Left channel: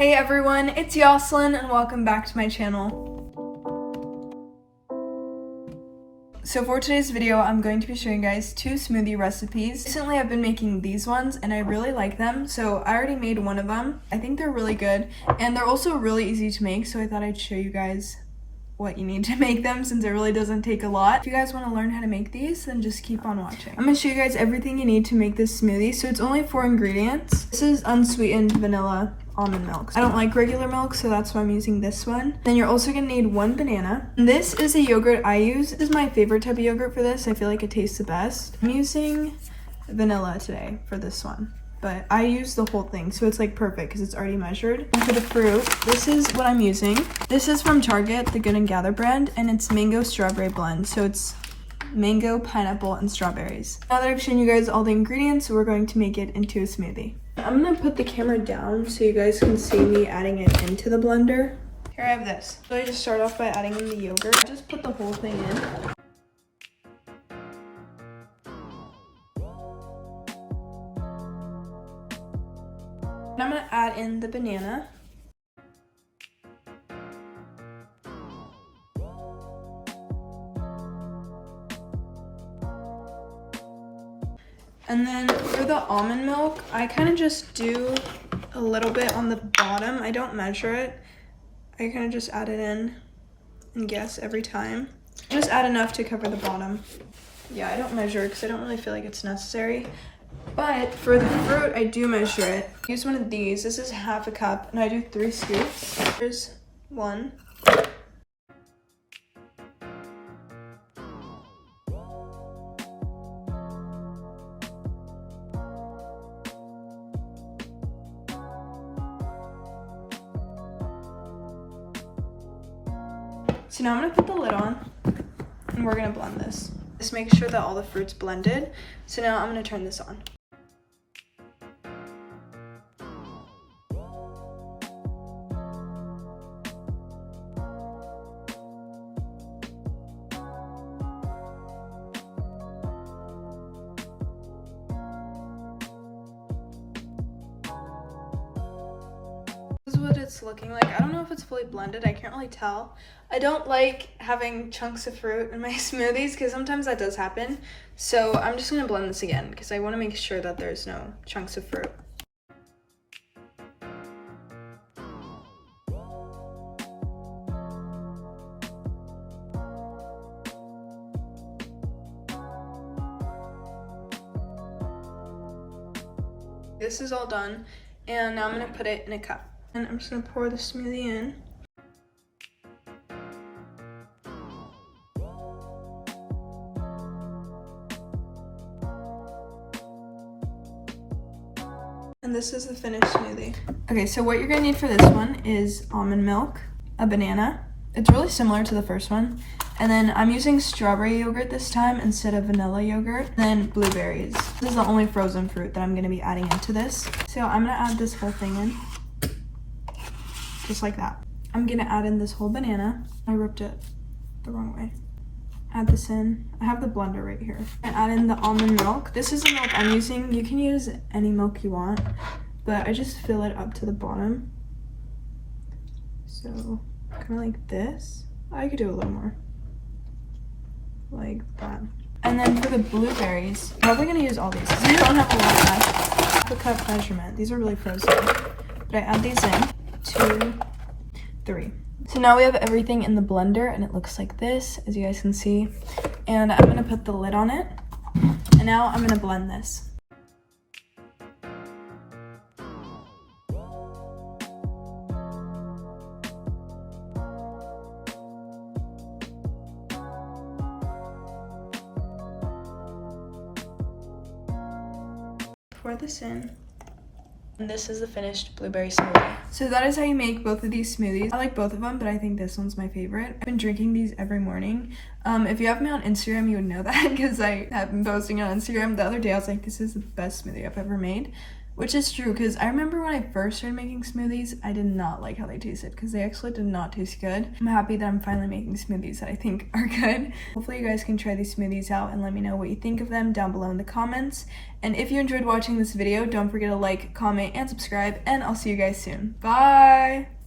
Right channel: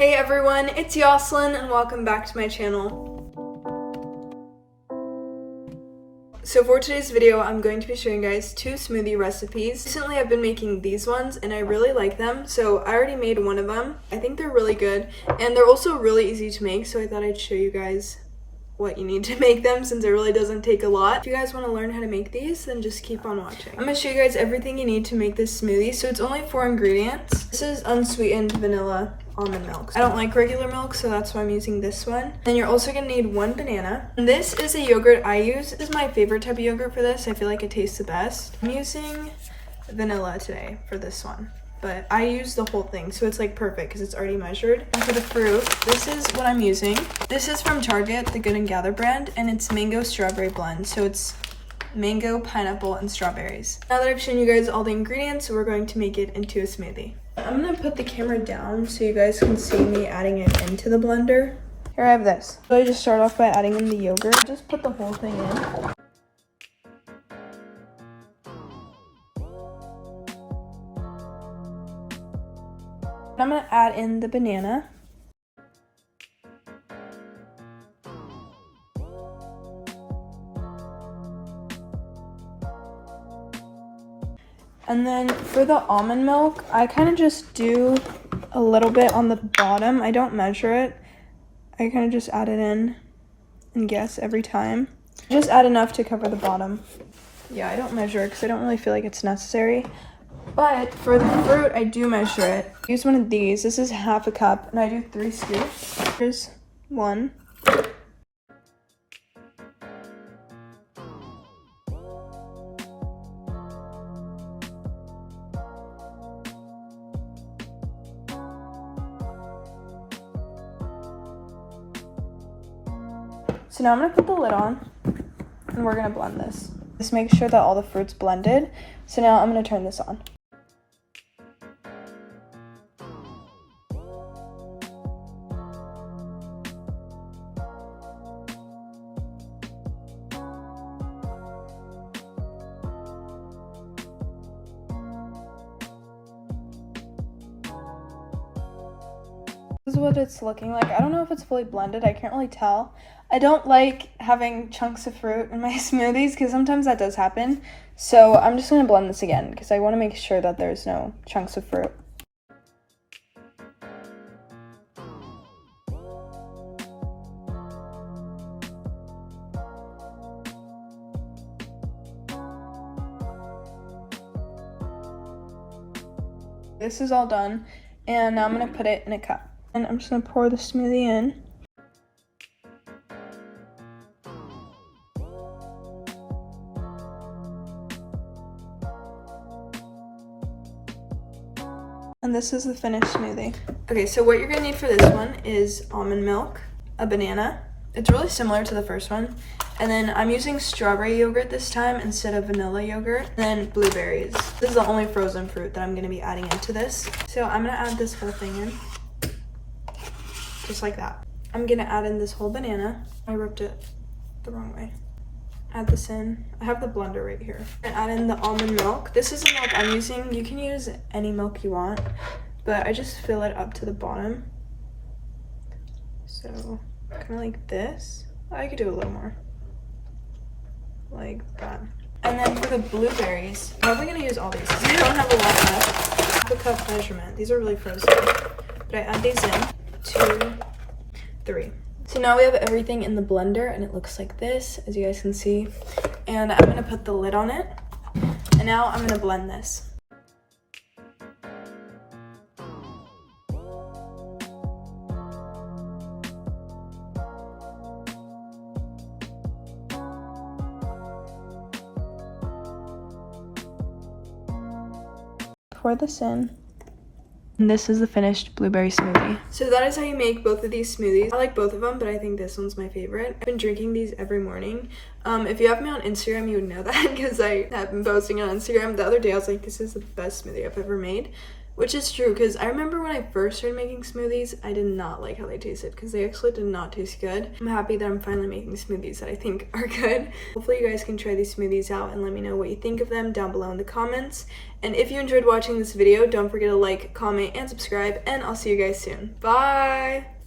Hey everyone, it's Yoselin and welcome back to my channel. So for today's video, I'm going to be showing you guys two smoothie recipes. Recently I've been making these ones and I really like them, so I already made one of them. I think they're really good and they're also really easy to make, so I thought I'd show you guys what you need to make them since it really doesn't take a lot. If you guys want to learn how to make these, then just keep on watching. I'm going to show you guys everything you need to make this smoothie. So it's only 4 ingredients. This is unsweetened vanilla almond milk. I don't like regular milk, so that's why I'm using this one. Then you're also going to need 1 banana. And this is a yogurt I use. This is my favorite type of yogurt for this. I feel like it tastes the best. I'm using vanilla today for this one, but I use the whole thing, so it's like perfect because it's already measured. And for the fruit, this is what I'm using. This is from Target, the Good and Gather brand, and it's mango strawberry blend. So it's mango, pineapple, and strawberries. Now that I've shown you guys all the ingredients, we're going to make it into a smoothie. I'm gonna put the camera down so you guys can see me adding it into the blender. Here I have this. So I just start off by adding in the yogurt. Just put the whole thing in. I'm gonna add in the banana. And then for the almond milk, I kind of just do a little bit on the bottom. I don't measure it. I kind of just add it in and guess every time. Just add enough to cover the bottom. Yeah, I don't measure it because I don't really feel like it's necessary. But for the fruit, I do measure it. I use one of these. This is half a cup, and I do 3 scoops. Here's 1. So now I'm gonna put the lid on, and we're gonna blend this. Just make sure that all the fruit's blended. So now I'm gonna turn this on. This is what it's looking like. I don't know if it's fully blended. I can't really tell. I don't like having chunks of fruit in my smoothies because sometimes that does happen. So I'm just going to blend this again because I want to make sure that there's no chunks of fruit. This is all done, and now I'm going to put it in a cup. And I'm just going to pour the smoothie in. And this is the finished smoothie. Okay, so what you're going to need for this one is almond milk, a banana. It's really similar to the first one. And then I'm using strawberry yogurt this time instead of vanilla yogurt. And then blueberries. This is the only frozen fruit that I'm going to be adding into this. So I'm going to add this whole thing in. Just like that. I'm gonna add in this whole banana. I ripped it the wrong way. Add this in. I have the blender right here. And add in the almond milk. This is the milk I'm using. You can use any milk you want, but I just fill it up to the bottom. So kind of like this. I could do a little more. Like that. And then for the blueberries, I'm probably gonna use all these because I don't have a lot left. Half a cup measurement. These are really frozen. But I add these in. 2, 3. So now we have everything in the blender and it looks like this, as you guys can see. And I'm gonna put the lid on it. And now I'm gonna blend this. Pour this in. And this is the finished blueberry smoothie. So that is how you make both of these smoothies. I like both of them, but I think this one's my favorite. I've been drinking these every morning. If you have me on Instagram, you would know that because I have been posting on Instagram. The other day, I was like, this is the best smoothie I've ever made, Which is true, because I remember when I first started making smoothies, I did not like how they tasted, because they actually did not taste good. I'm happy that I'm finally making smoothies that I think are good. Hopefully you guys can try these smoothies out and let me know what you think of them down below in the comments. And if you enjoyed watching this video, don't forget to like, comment, and subscribe, and I'll see you guys soon. Bye!